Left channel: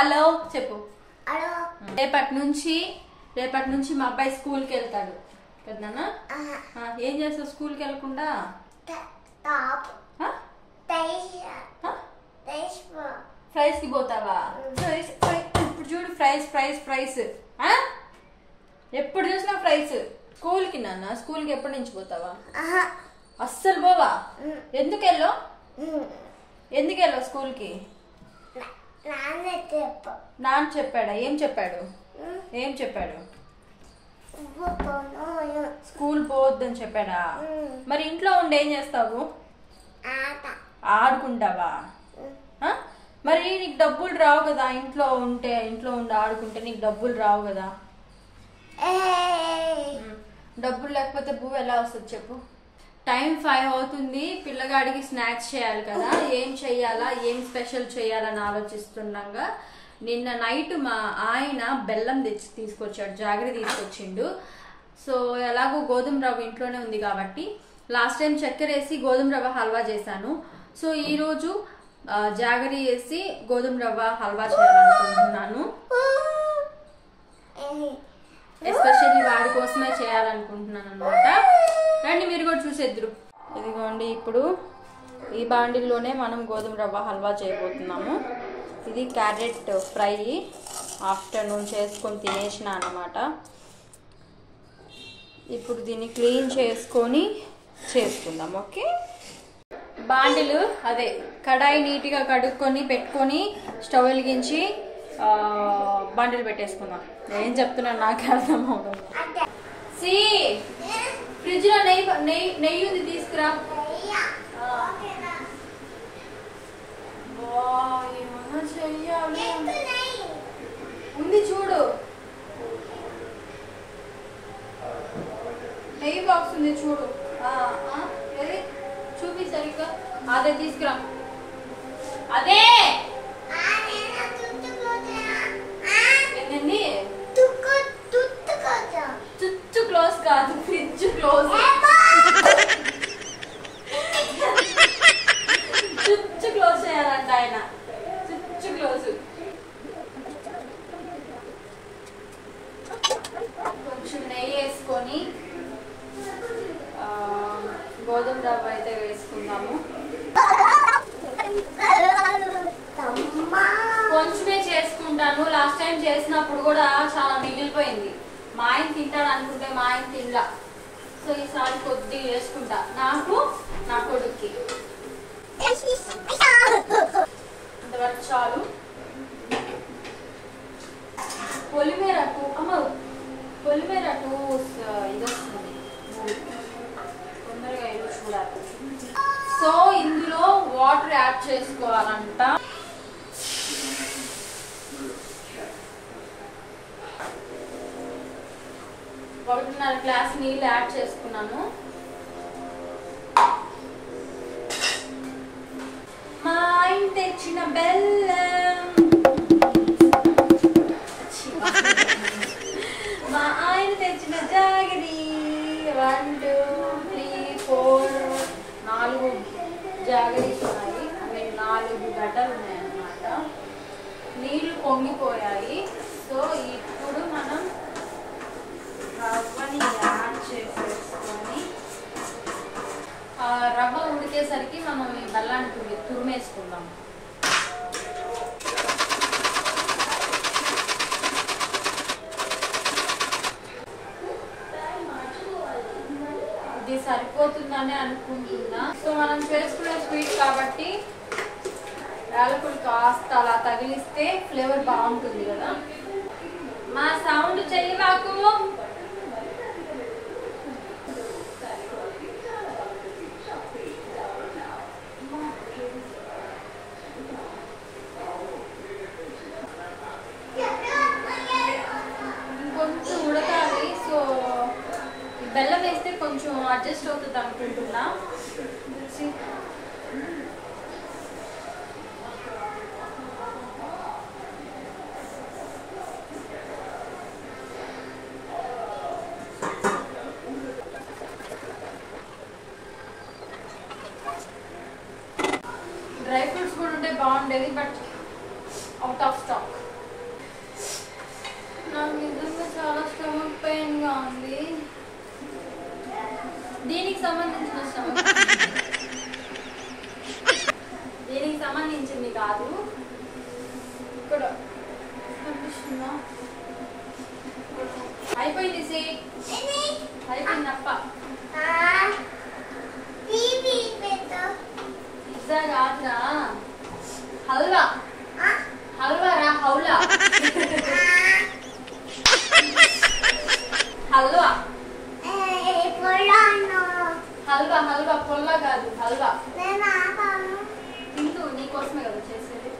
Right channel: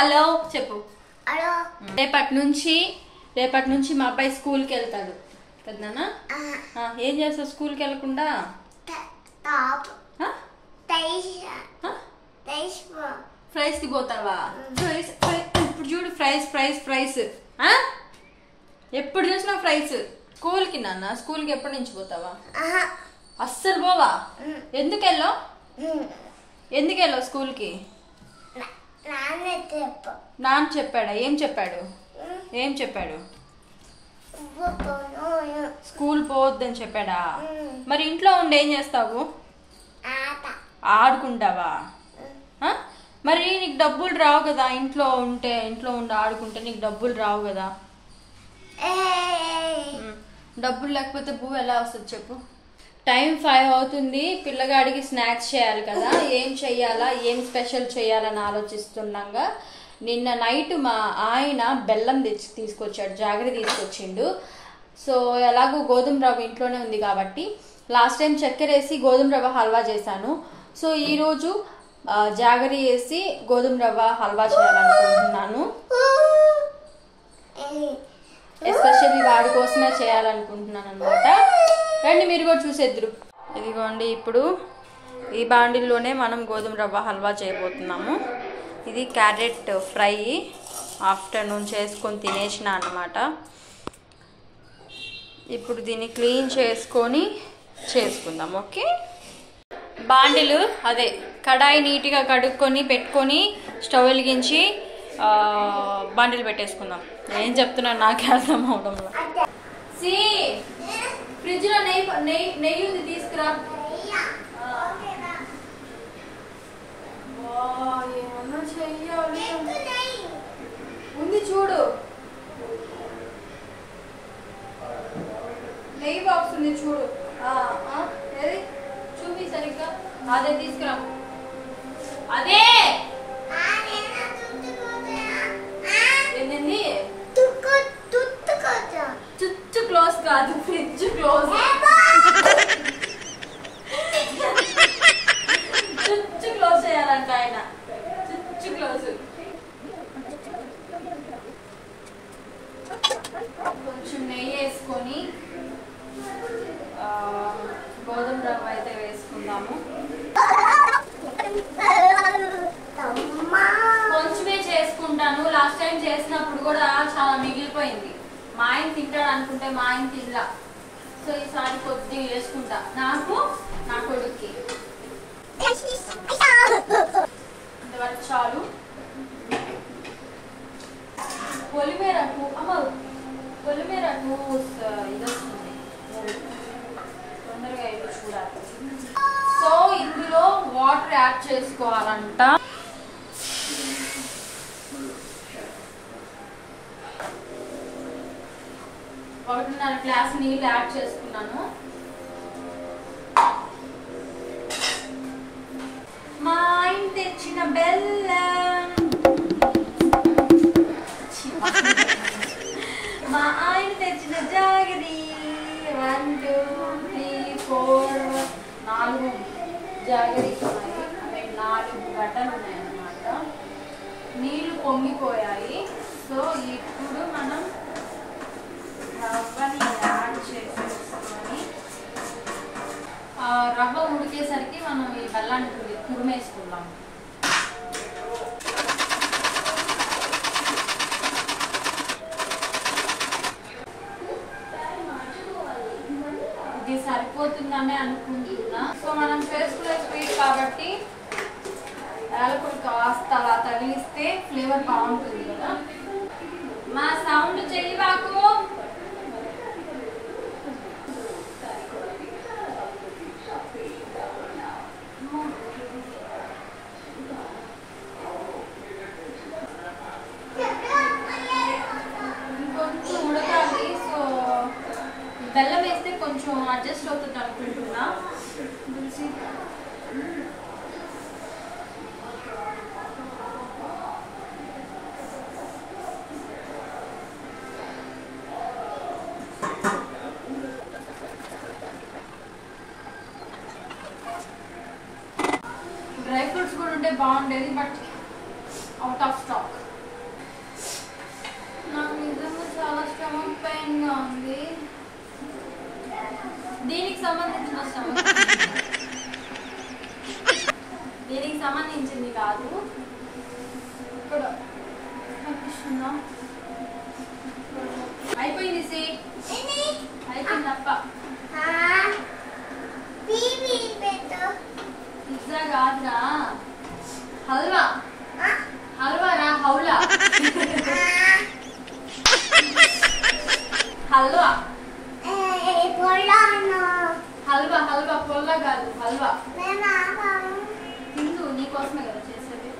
Hello చెప్పు. రేపటి నుంచి మా అబ్బాయి స్కూల్కి వెళ్తాడు కదా. ఏం చేస్తావు స్కూల్కి వెళ్ళకుండా? ఫ్రైస్ కి పోతావా? ఇప్పుడు చూడు ఫ్రైస్ ఫ్రైస్ ఫ్రైస్ ఎప్పుడు చూసినా ఫ్రైస్. స్కూల్కి నాన్న, స్కూల్కి ఎప్పటి నుంచి పోతావా? అస్సలు పోవా? ఎందుకు వెళ్ళావు స్కూల్కి? నాన్న చెప్పాడా? ఏం చెప్పాడు? స్కూల్ పోవద్దని చెప్పాడా? మరి ఇంట్లో ఉండి ఏం చేస్తావు? ఆడుకుంటావా? మరి నీకు డబ్బులు రావు కదా? ఇంట్లో ఉండి ఆడుకుంటే నీకు డబ్బులు రావు కదా? డబ్బులు లేకపోతే పువ్వు ఎలా వస్తుంది చెప్పు? టైం 5 అవుతుంది. పిల్లగాడికి స్నాక్స్ చేయాలి కదా. ఏం చెయ్యాలా, ఏం స్పెషల్ చేయాలని ఆలోచిస్తుండగా నిన్న నైట్ మా ఆయన బెల్లం తీసుకొచ్చాడు, జాగరి తీసుకొచ్చిండు. సో ఎలాగో గోధుమ రవ్వ ఇంట్లోనే ఉంది కాబట్టి లాస్ట్ టైం చక్కెర వేసి గోధుమ రవ్వ హల్వా చేశాను. సో ఈరోజు జాగరి వేసి గోధుమ రవ్వ హల్వా చేయాలనుకుంటున్నాను. ఎస్పెషల్లీ వాడి కోసమే చేయాలనుకుంటున్నాను అనమాట. రండి మీరు కూడా చూసేద్దరు. ఇదిగోండి, ఇప్పుడు ఈ బాండిల్లోనే మనం గోధుమ రవ్వ హల్వా చేయబోతున్నాము. ఇది క్యారెట్ ఫ్రై ఆఫ్టర్నూన్ చేసుకొని తినేసిన అన్నమాట. ఇప్పుడు దీన్ని క్లీన్ చేసుకొని చేసుకుందాం. ఓకే, బాండిలు అదే కడాయి నీట్గా కడుక్కొని పెట్టుకొని స్టవ్ వెలిగించి బాండిలు పెట్టేసుకుందాం. ఏం చెప్తున్నాను నాకే అర్థం అవడంలో. ఫ్రిడ్జ్ లో నెయ్యి ఉంది, తీసుకురా. ఏమన్నా చెయ్యాలి ఉంది చూడు, నెయ్యి బాక్స్ ఉంది చూడు. ఏది చూపి సరిగ్గా. అదే తీసుకురా. అదే ఏంటండి? చుచ్చు క్లోజ్ కాదు, ఫ్రిడ్జ్ క్లోజ్. చుచ్చు క్లోజ్ చేయాలంట ఆయన. చుచ్చు క్లోజ్. కొంచెం నెయ్యి వేసుకొని గోధుమ రవ్వ అయితే వేసుకుందాము. కొంచెమే చేసుకుంటాను. లాస్ట్ టైం చేసినప్పుడు కూడా చాలా మిగిలిపోయింది. మా ఆయన తింటాడు అనుకుంటే మా ఆయన తినలా. సో ఈసారి కొద్దిగా వేసుకుంటా, నాకు నా కొడుక్కి. ఇంతవరకు చాలు. పొలిమేరకు ఇది వస్తుంది, తొందరగా ఇల్లు చూడాలి. సో ఇందులో వాటర్ యాడ్ చేసుకోవాలంట. 1.5 గ్లాస్ నీళ్ళు యాడ్ చేసుకున్నాను. మా ఆయన తెచ్చిన బెల్లం, మా ఆయన తెచ్చిన జాగరి. 1 2 3 4 4 జాగరీస్ ఉన్నాయి. 4 గడ్డలు ఉన్నాయన్నమాట. నీళ్లు పొంగిపోయాయి. సో ఇప్పుడు మనం రవ్వని యాడ్ చేసేసుకొని రవ్వ ఉడికేసరికి మనం ఈ బెల్లాన్ని తురిమేసుకుందాం. ఇది సరిపోతుందని అనుకుంటున్నా. సో మనం చేసుకునే స్వీట్ కాబట్టి యాలకులు కాస్త అలా తగిలిస్తే ఫ్లేవర్ బాగుంటుంది కదా. మా సౌండ్ చెయ్యవాకు. ఇంకొంచెం ఉడకాలి. సో బెల్లం వేస్తే కొంచెం అడ్జస్ట్ అవుతుంది అనుకుంటున్నా. డ్రై ఫ్రూట్స్ కూడా ఉంటే బాగుండేది, బట్ అవుట్ ఆఫ్ స్టాక్. కాదు. ఇక్కడ కనిపిస్తుందా? అయిపోయింది సి అయిపోయిందప్ప. పిజ్జా కాదురా, హల్వా. హల్వా రా, హౌలా. హల్వా హల్వా హల్వా, పొల్ల కాదు హల్వా. తింటూ నీకోసమే కదా చేసేది.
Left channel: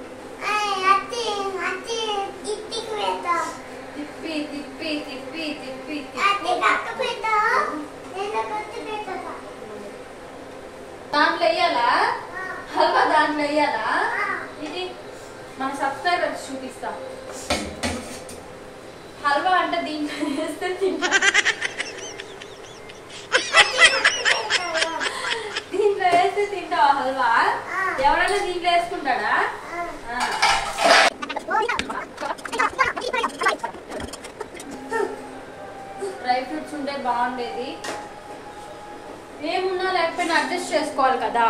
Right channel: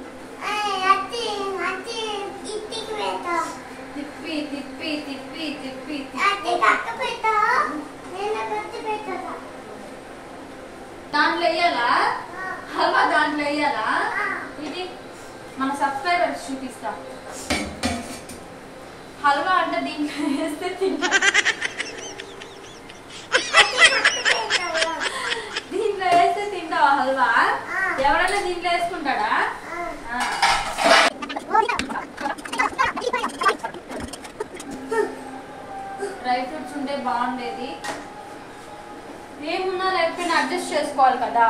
తిప్పి తిప్పి తిప్పి తిప్పి దాంట్లో వేయాలా హల్వా? దాంట్లో వేయాలా? ఇది మన సబ్స్క్రైబర్స్ చూపిస్తాం. హల్వా అంటే దీంట్లో వేస్తే తింటా. దీంట్లో వేస్తే తింటావా హల్వా? ఎవరైనా దీంట్లో వేసుకుంటాడా? డ్రై ఫ్రూట్స్ ఉంటే బాగుండేది. ఏమున్నా లేకపోయినా అడ్జస్ట్ చేసుకోవాలి కదా.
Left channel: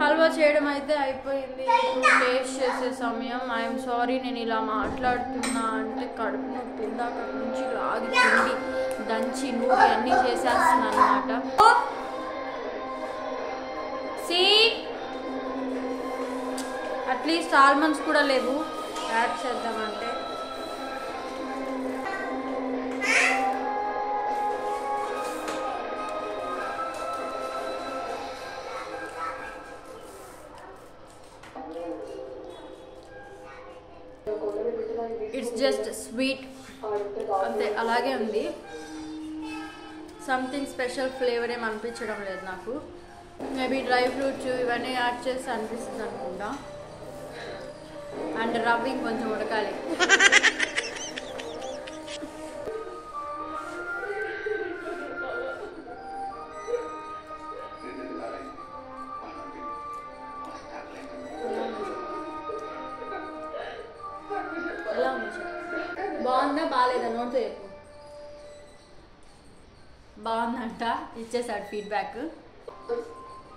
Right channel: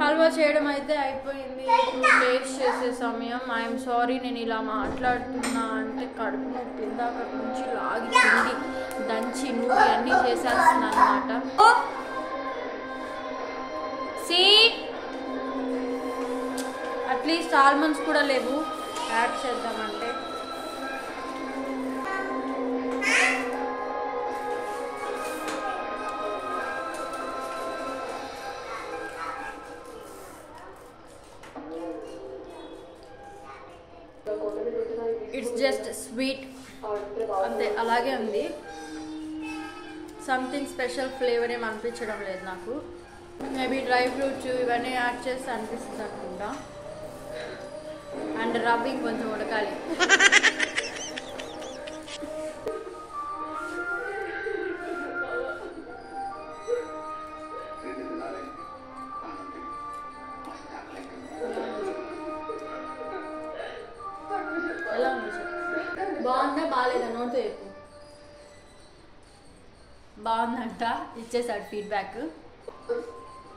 హల్వా చేయడం అయితే అయిపోయింది. ఇప్పుడు టేస్ట్ చేసే సమయం. ఐఎమ్ సారీ నేను ఇలా మాట్లాడుతున్నా అంటే కడుపు నొప్పి ఇందాక నుంచి లాగి పిండి దంచి నూరి అన్నీ చేసేస్తున్నా అన్నమాట. అట్లీస్ట్ ఆల్మండ్స్ కూడా లేవు యాడ్ చేద్దామంటే. ఇట్స్ జస్ట్ స్వీట్ అంతే, అలాగే ఉంది. సంథింగ్ స్పెషల్ ఫ్లేవర్ ఏం అనిపించడం లేదు నాకు. మేబీ డ్రై ఫ్రూట్స్ ఇవన్నీ యాడ్ చేసి అనిపిస్తుంది అనుకుంటా. అండ్ రవ్వ కొంచెం ఉడకాలి. ఎలా ఉంది చెప్పు? బాగుందా బాగాలేదా? నోట్తో చెప్పు. బాగుందంట, ఇచ్చేసాడు ఫీడ్బ్యాక్.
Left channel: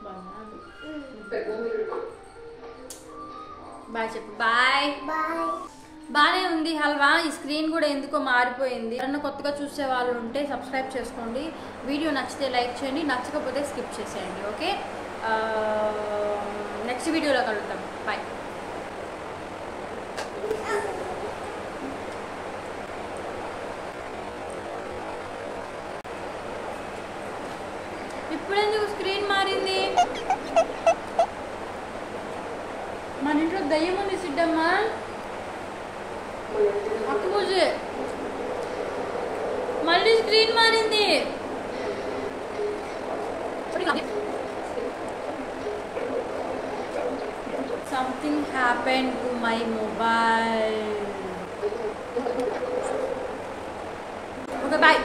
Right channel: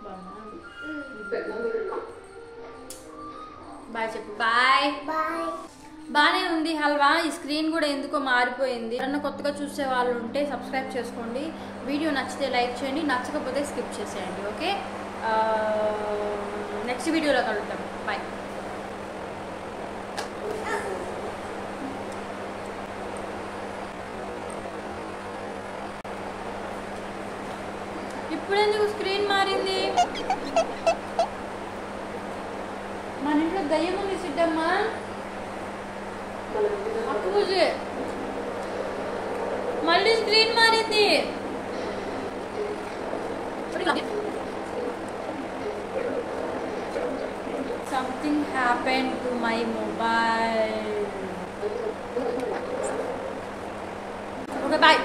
బాగుందా? బాయ్ చెప్పు. బాయ్. బాగానే ఉంది హల్వా. ఈ స్క్రీన్ కూడా ఎందుకో మారిపోయింది. ఎవరన్నా కొత్తగా చూసే వాళ్ళు ఉంటే సబ్స్క్రైబ్ చేసుకోండి. వీడియో నచ్చితే లైక్ చేయండి, నచ్చకపోతే స్కిప్ చేసేయండి. ఓకే, నెక్స్ట్ వీడియోలో కలుద్దాం. బాయ్. ఇప్పుడెందుకు స్క్రీన్ మారింది? మన ఇంట్లో దయ్యం ఉంది సిద్ధమ్మా. అక్కుజే మళ్ళీ స్క్రీన్ మారింది. Something happen to my mobile. Okay bye.